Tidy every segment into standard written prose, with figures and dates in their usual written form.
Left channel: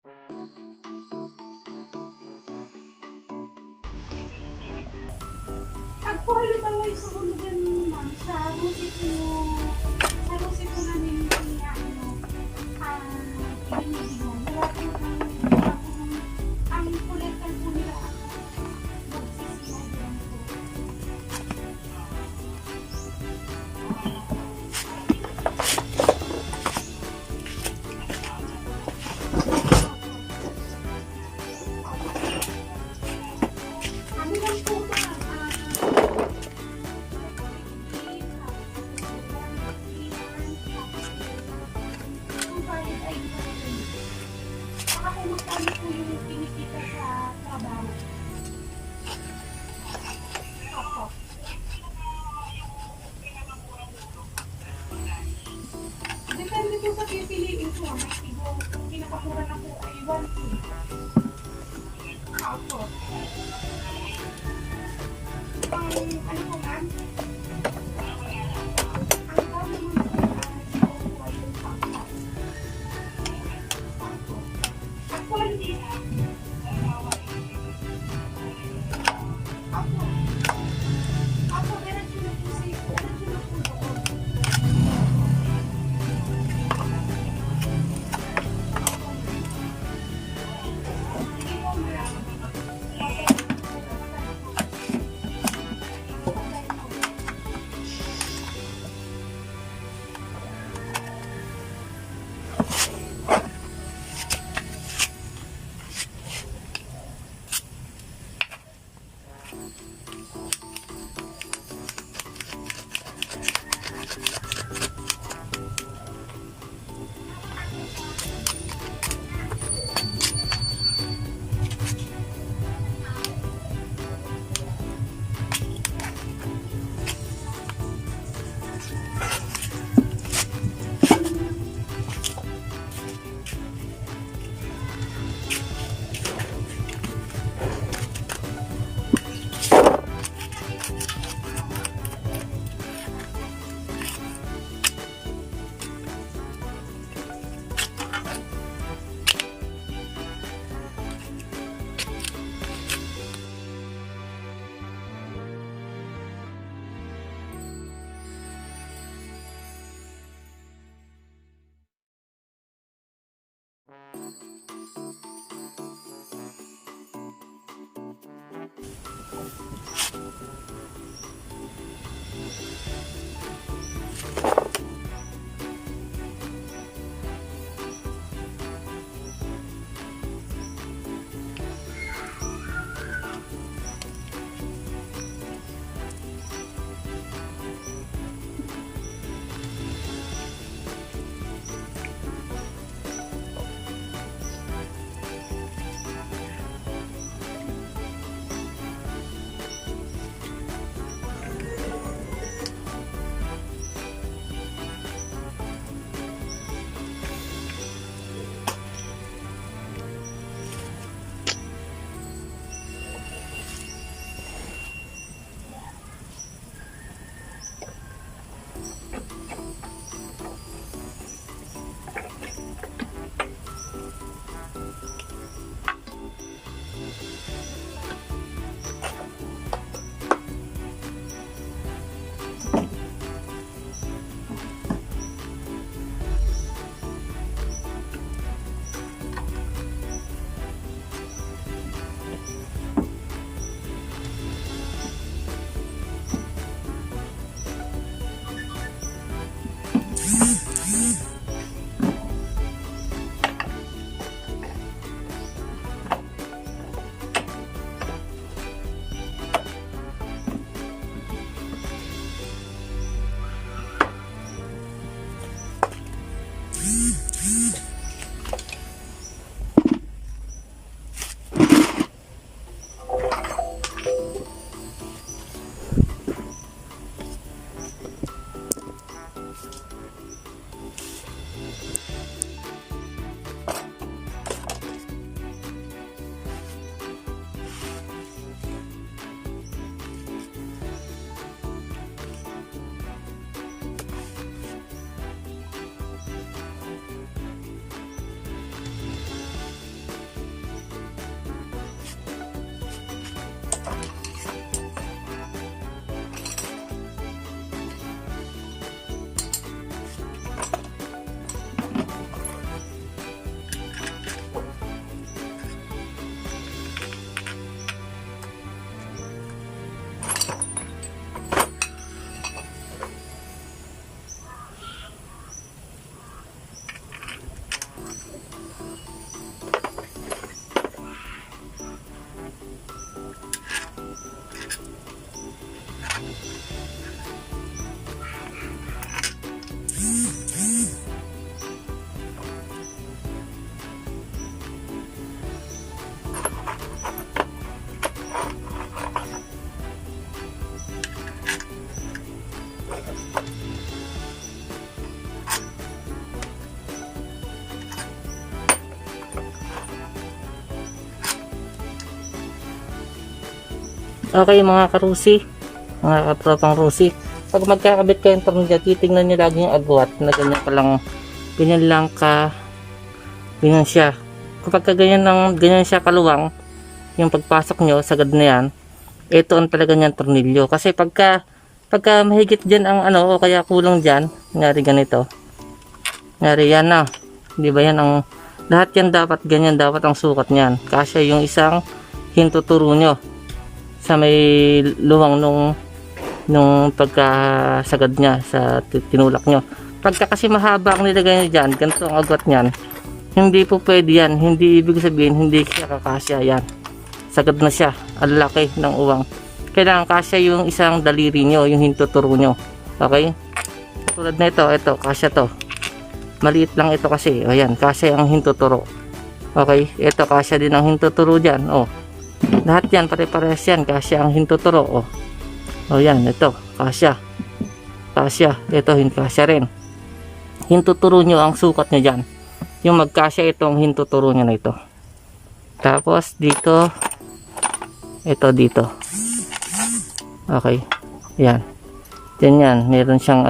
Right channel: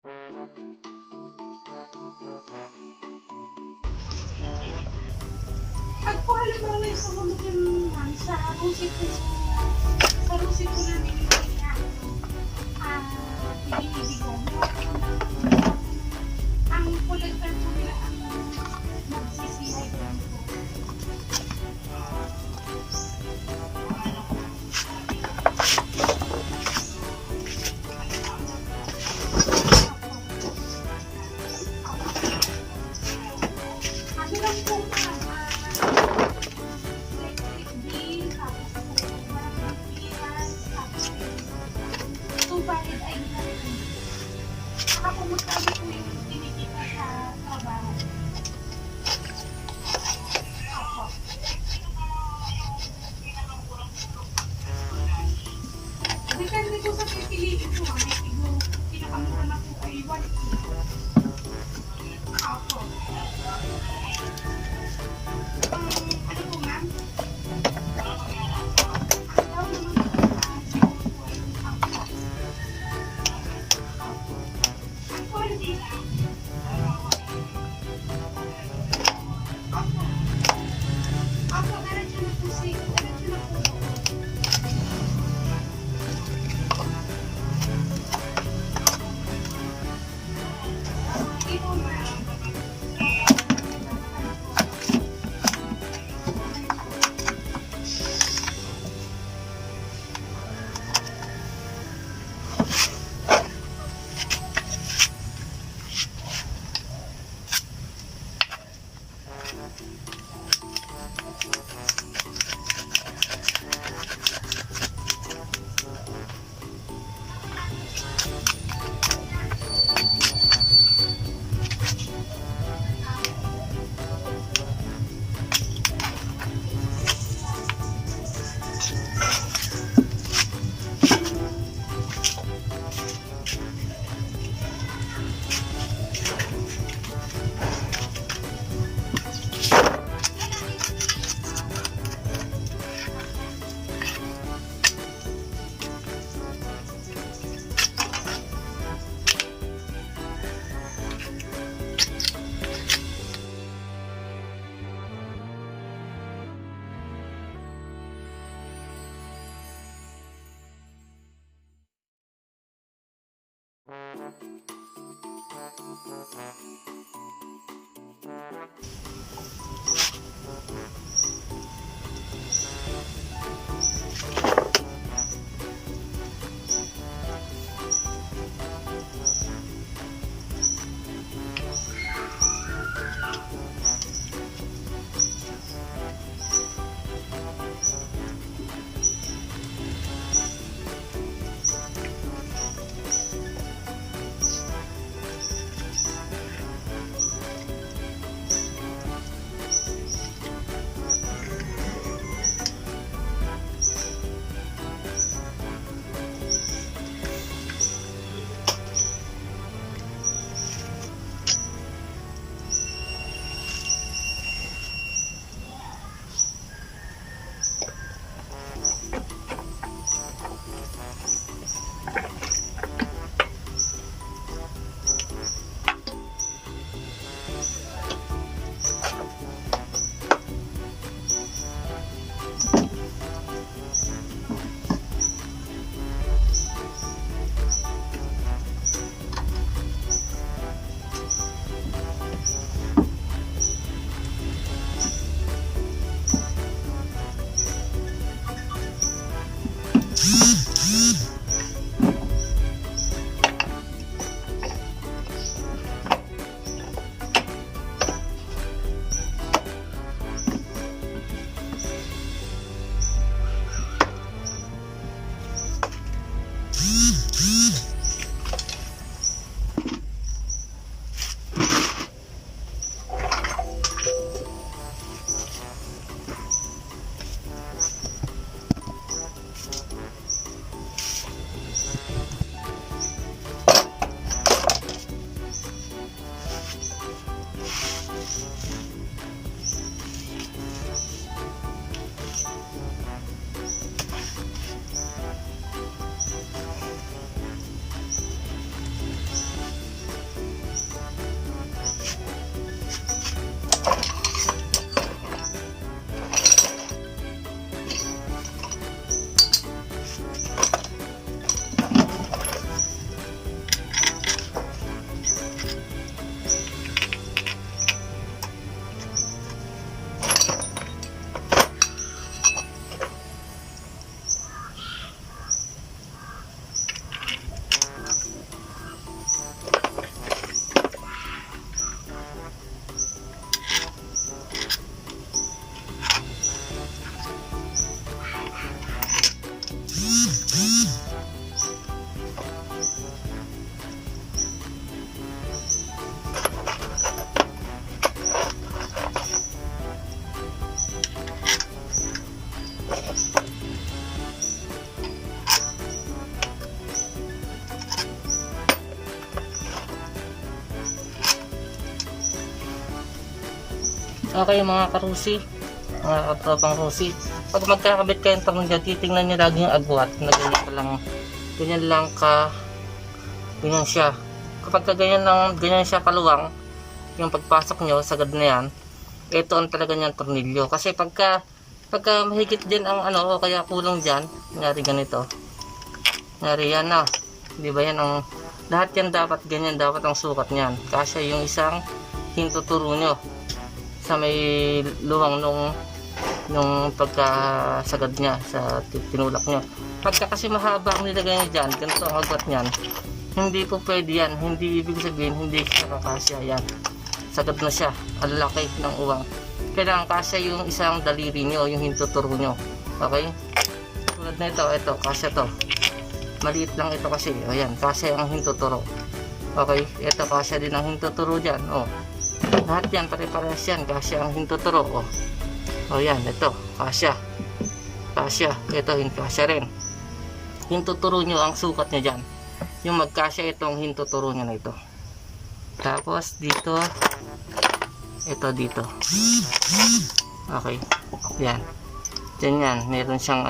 Pag po halimbawa yung sa mga ganun, ma'am, sa musiko namin yung pinibigyan. Ang collector po nila magsisiyay lang po. Ano lang po ba? Electric bill, tapos subalit ay talagang saka kung magkano po yung kinikita sa trabaho. Opo. Depende po sa pipiliin po. May siguro pinakamura na po ay 1K. Opo. Ano po ma'am? Okay mga karusi, mga katropang rusi, pag magkakabit kayo ng tornilyo, titingnan nyo lagi yung agwat na ganyan lang ganyan siya. Kapag ganyan siya kaluwang, yung pagpasok nyo, sagad na yan, ito ang talaga niyang tornilyo. Kasi pagka mahigit dyan ang ano, o kaya kulang dyan, nangyari ganito, nangyari yan na, di ba yan ang, lahat yan dapat, ganyan dapat ang sukat niyan. Kasi yung isang hintuturo nyo sa may luwang nung pagkasagad niya sa tinulak nyo. Pagka kasi mahaba ang nilagay nyo dyan, ganito ang agwat niyan, hindi po pwede yan. Hindi ibig sabihin hindi siya kakasya yan. Sagad na siya, ang laki ng uwang. Kailangan kasya yung isang daliri nyo, yung hintuturo nyo. Okay? Tulad na ito kasya to. Maliit lang ito kasi, ayan, kasya ang hintuturo. Okay, ito kasya din ang hintuturo dyan. Oh, lahat yan pare-parehas yan, kasya ang hintuturo. Oh, yan, ito kasya, ito kasya rin. Hintuturo nyo ang sukat nyo dyan, yung magkasya itong hintuturo nyo na ito. Tapos dito, ito dito. Okay, yan, yan, meron siyang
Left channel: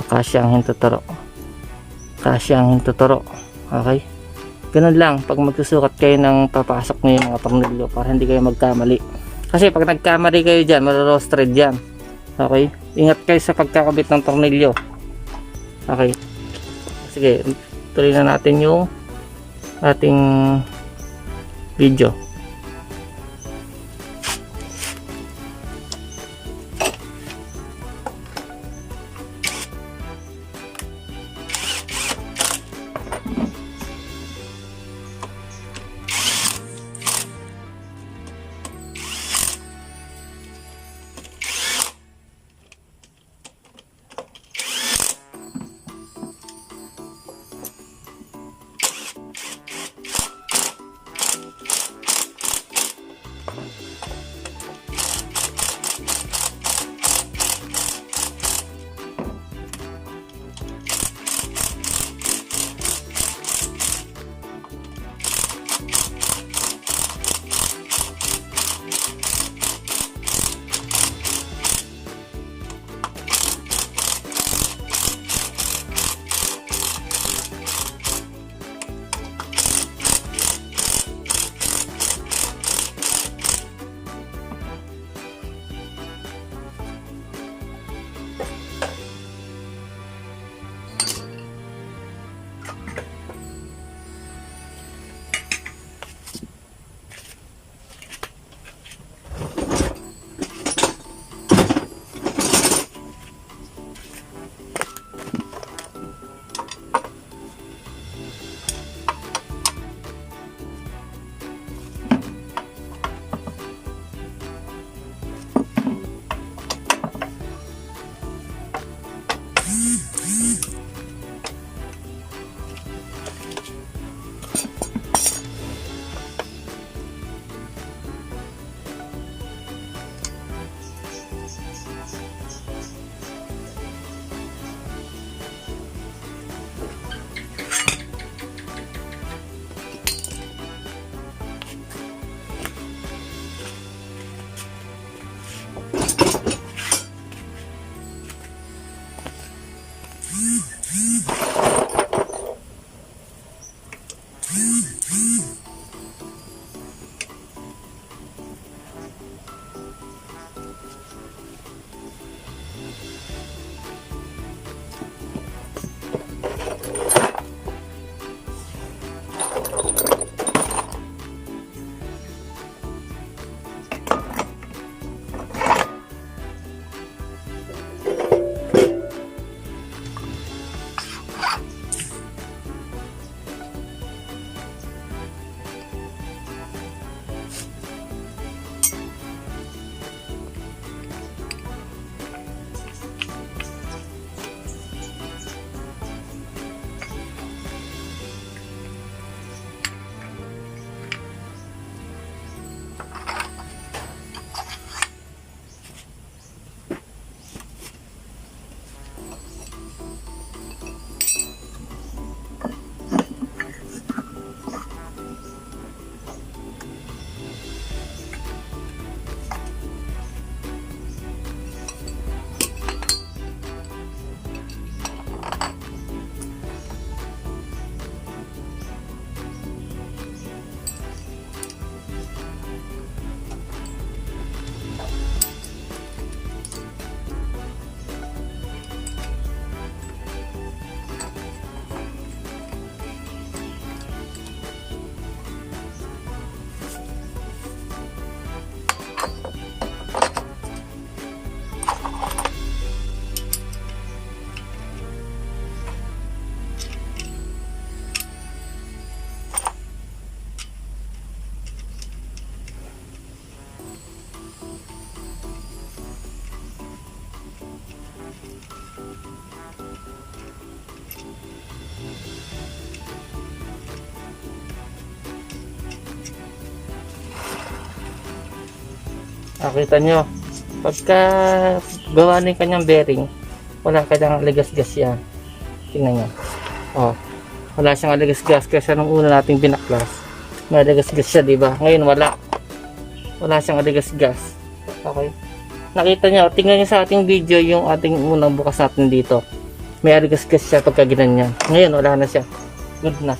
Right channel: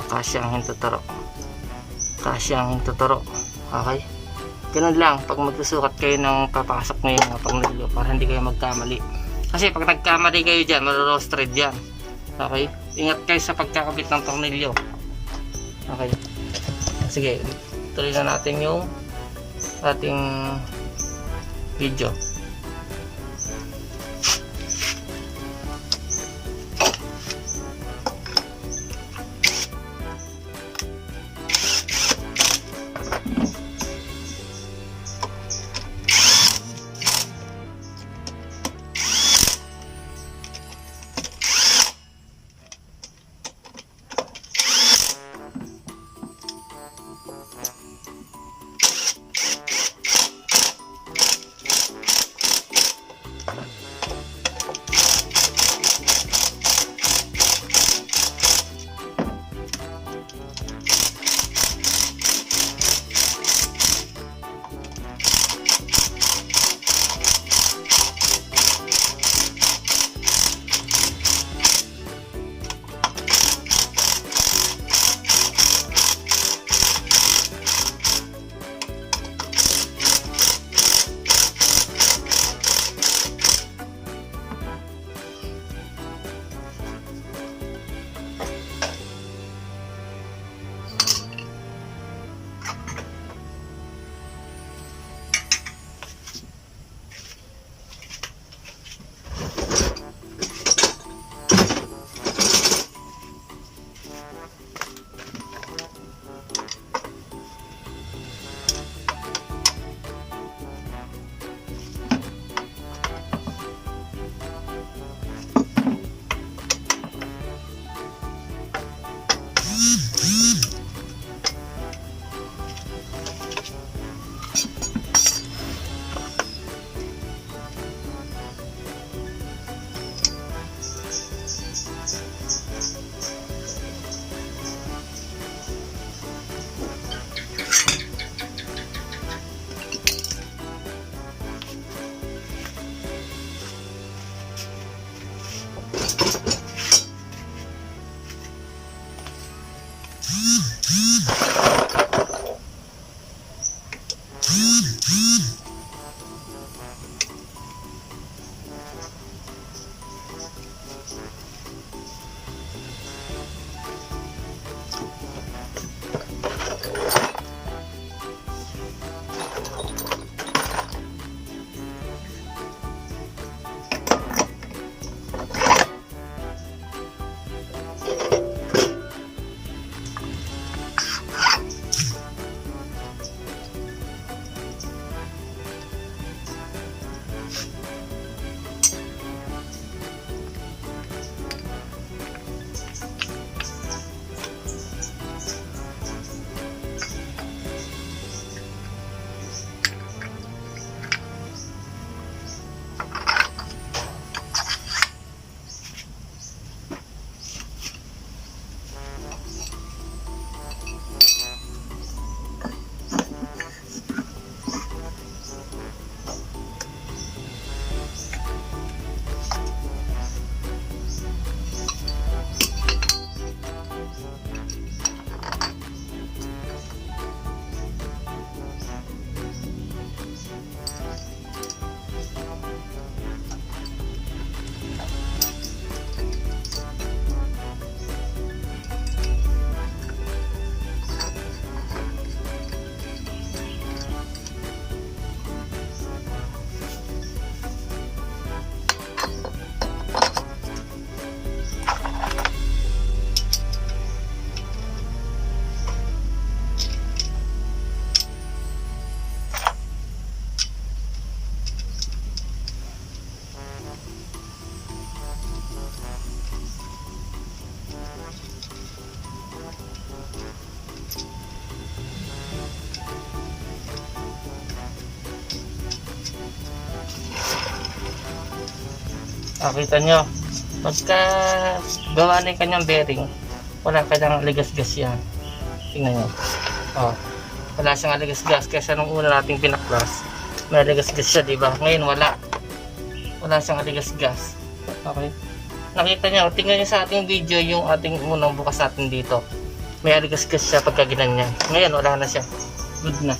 kasya ang hintuturo. Okay, ganun lang pag magsusukat kayo ng papasok nyo yung mga tornilyo, para hindi kayo magkamali. Kasi pag nagkamali kayo dyan, maroroast thread yan. Okay, ingat kayo sa pagkakabit ng tornilyo. Okay, sige, tuloy na natin yung ating video. Nakita nyo, pagka gawa na yung kanyang bearing, wala kanyang ligas-gas yan. Tingnan nyo. Oh, wala siyang ligas-gas kasi nung una nating binaklas, may ligas-gas siya, diba? Ngayon wala. Wala siyang ligas-gas. Okay. Nakita nyo, tingnan nyo sa ating video yung ating unang bukas natin dito. May ligas-gas siya pagka ginanyan. Ngayon wala na siya. Good na.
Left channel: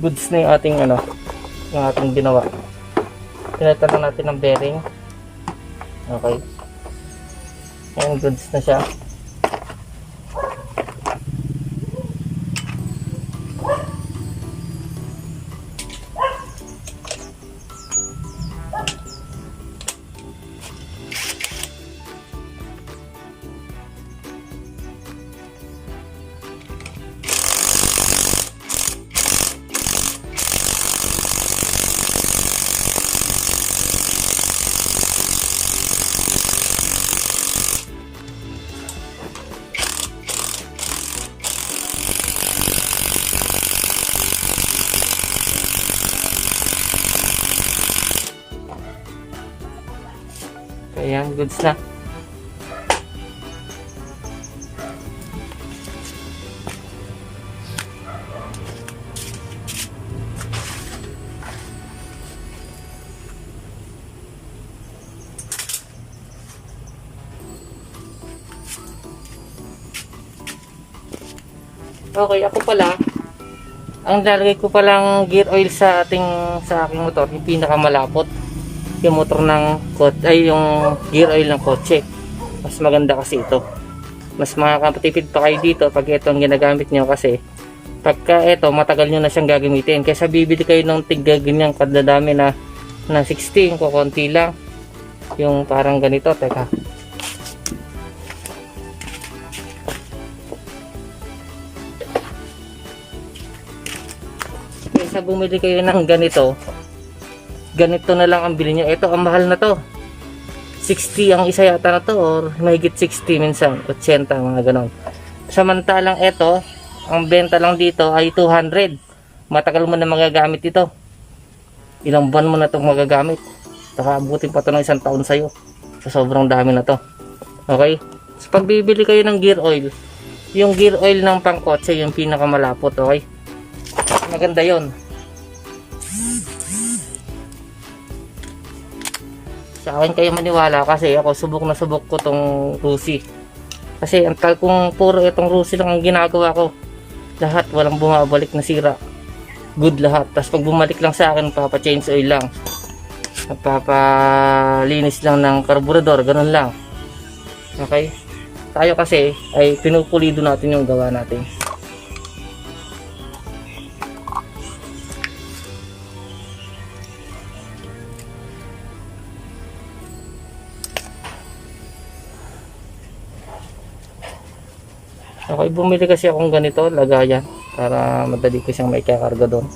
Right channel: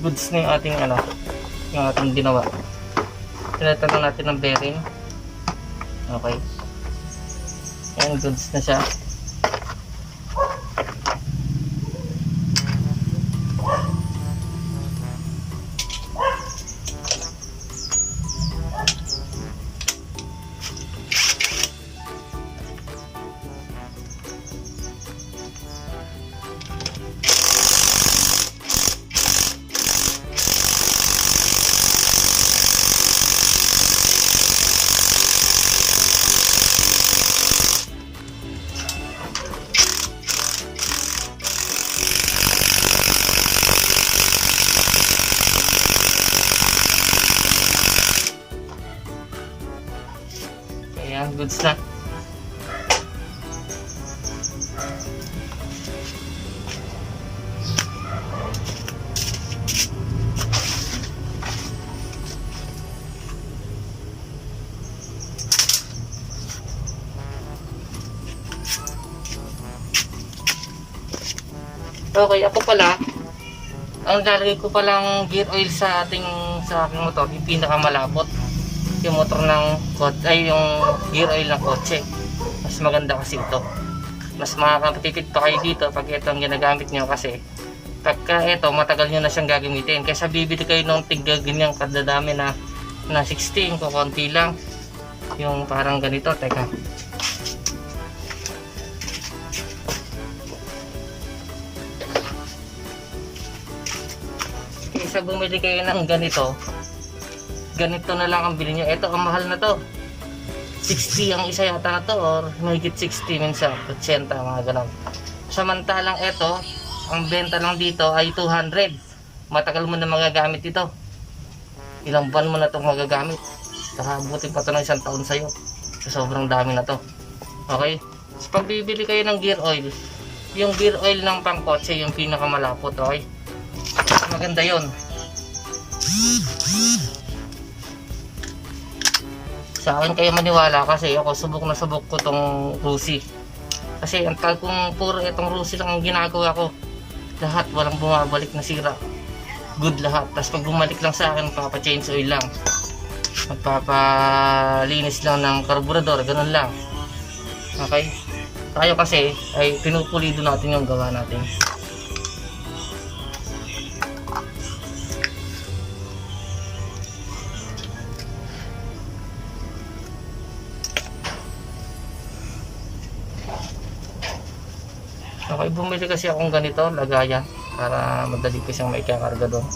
Goods na yung ating yung ating ginawa. Tinatalo natin ng bearing. Okay. Ayan, goods na siya. Ayan, goods na. Okay, ako pala, ang lalagay ko palang gear oil sa aking motor, yung pinakamalapot. Yung motor ng yung gear oil ng kotse. Mas maganda kasi ito. Mas makakatipid pa kayo dito pag ito ang ginagamit nyo, kasi pagka ito matagal nyo na siyang gagamitin. Kaysa bibili kayo ng tigga ganyang kadadami na 16, kukunti lang. Yung parang ganito, teka. Kaysa bumili kayo ng ganito na lang ang bilhin nyo. Ito ang mahal na to, 60 ang isa yata na to, or mahigit 60, minsan 80, mga ganon. Samantalang ito, ang benta lang dito ay 200. Matagal mo na magagamit ito, ilang buwan mo na itong magagamit, saka abutin pa ito ng 1 taon sa'yo. So, sobrang dami na to. Okay, so pag bibili kayo ng gear oil, yung gear oil ng pangkotse yung pinakamalapot. Okay, maganda yon. Sa akin kayo maniwala, kasi ako subok na subok ko tong Rusi. Kasi ang tal kung puro itong Rusi lang ang ginagawa ko, lahat walang bumabalik na sira. Good lahat. Tapos pag bumalik lang sa akin, magpapa-change oil lang, magpapalinis lang ng karburador, ganun lang. Okay? Tayo kasi ay pinupulido natin yung gawa natin. Okay, bumili kasi akong ganito, lagayan, para madali ko siyang maikakarga doon.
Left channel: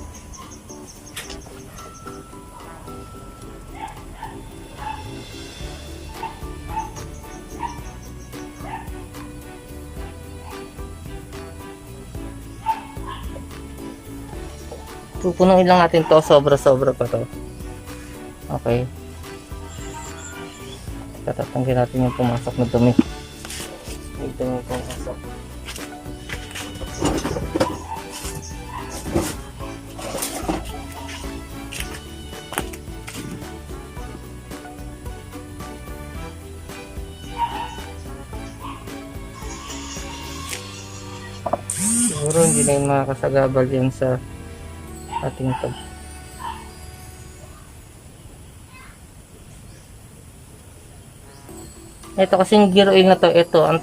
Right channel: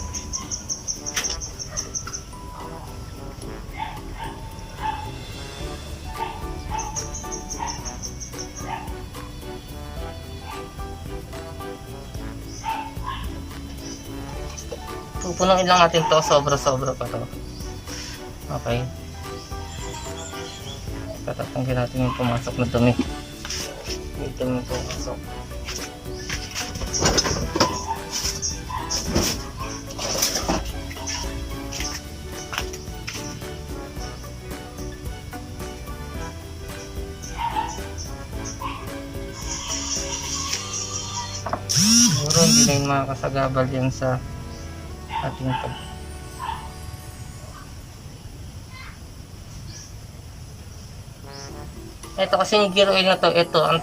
Pupunuin lang natin to, sobra-sobra pa to. Okay. Tatanggalin natin yung pumasok na dumi. Ito yung pumasok. Siguro hindi na yung makakasagabal yan sa ating pag ito kasi yung gear oil na to, ito ang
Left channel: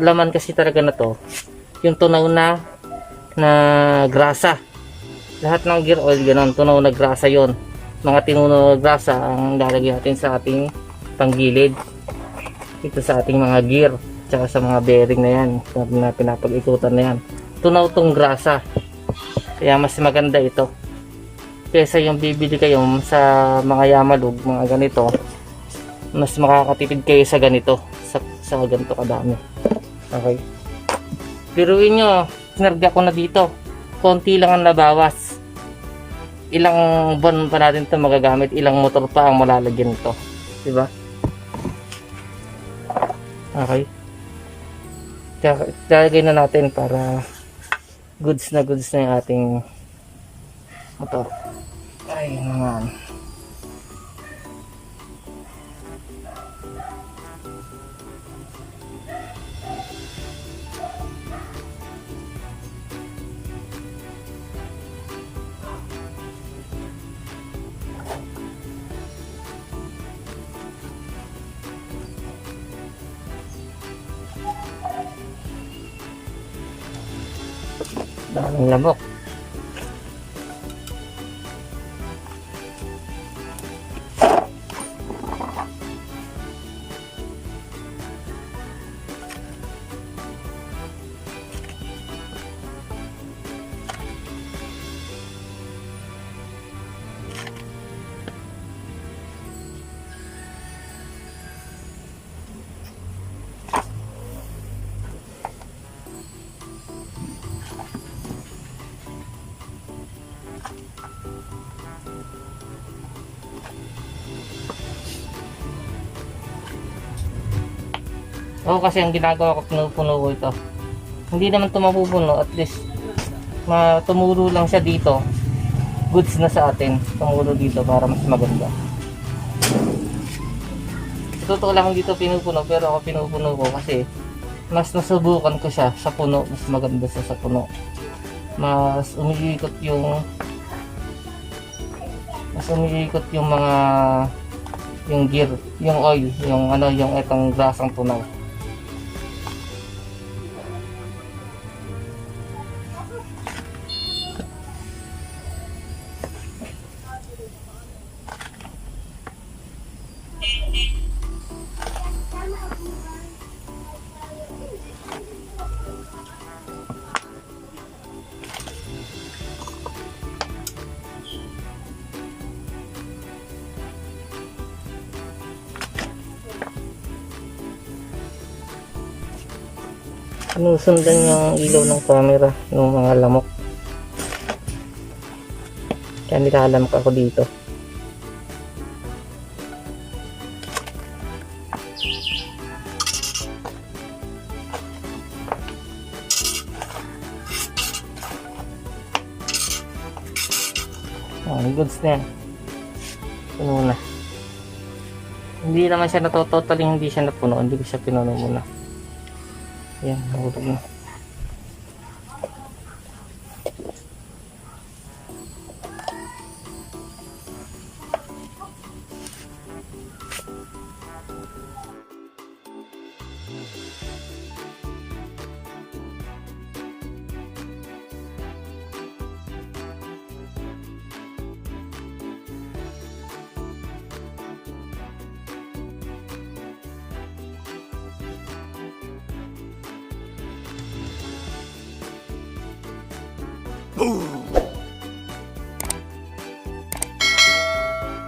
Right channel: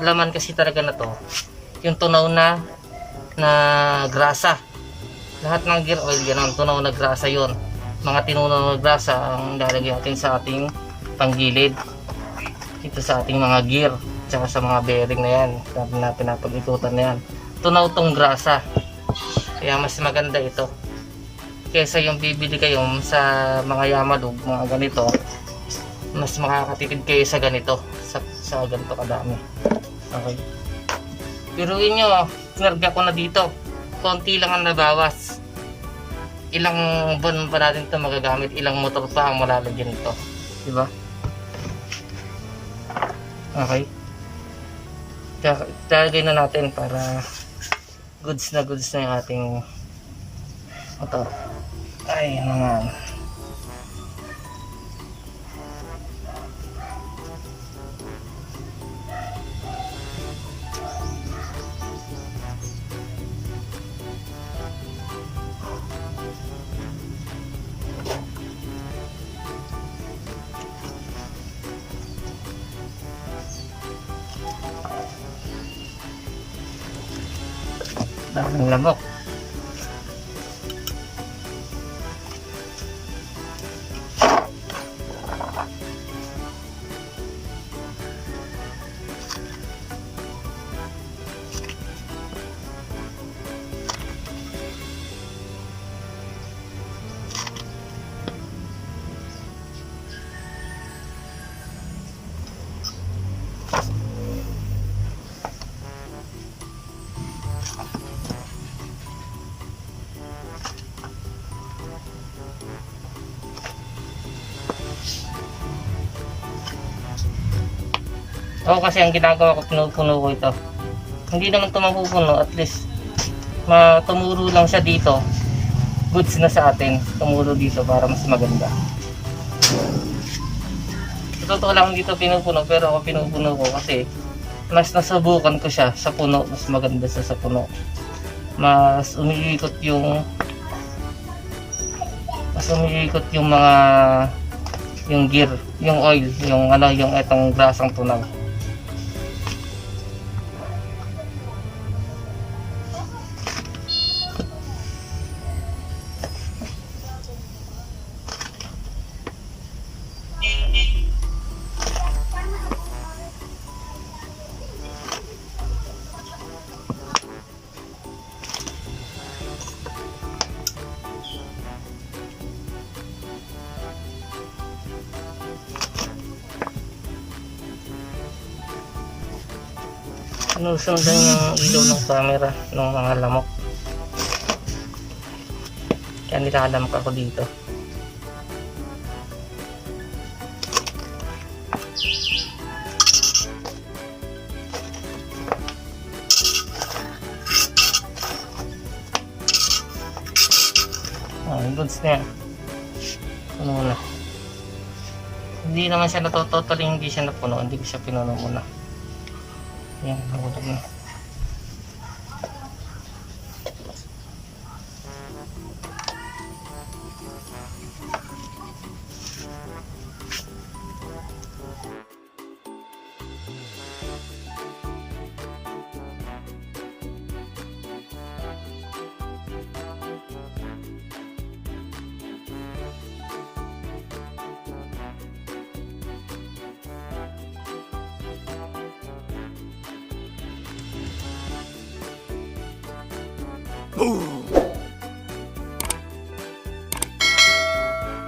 laman kasi talaga na to, yung tunaw na grasa. Lahat ng gear oil ganoon, tunaw na grasa yon. Mga tinunaw na grasa ang lalagay natin sa ating panggilid, ito sa ating mga gear, tsaka sa mga bearing na yan na pinapag-ikutan na yan. Tunaw tong grasa, kaya mas maganda ito kaysa yung bibili kayo sa mga Yamalog, mga ganito. Mas makakatipid kayo sa ganito, sa ganito kadami. Okay, biruin nyo, sinarga ko na dito, konti lang ang nabawas. ilang buwan pa natin ito magagamit, ilang motor pa ang malalagyan ito, diba? Okay, lalagay na natin para goods na yung ating motor. Ay naman. Daming lamok. Ako kasi ang ginagawa ko, pinupuno ko ito. Hindi naman ito mapupuno, at least tumuro lang siya dito. Goods na sa atin, tumuro dito para mas maganda. Totoo lang dito pinupuno, pero ako pinupuno ko kasi mas nasubukan ko siya sa puno, mas maganda sa puno. Mas umiikot yung mga yung gear, yung oil, yung yung etong grasang tunaw. Sinusundan yung ilaw ng camera ng mga lamok, kaya nilalamak ako dito. Goods na yan, puno na. Hindi naman siya totally hindi siya napuno, hindi ko siya pinuno muna. Ayan, nahulog na. Boom!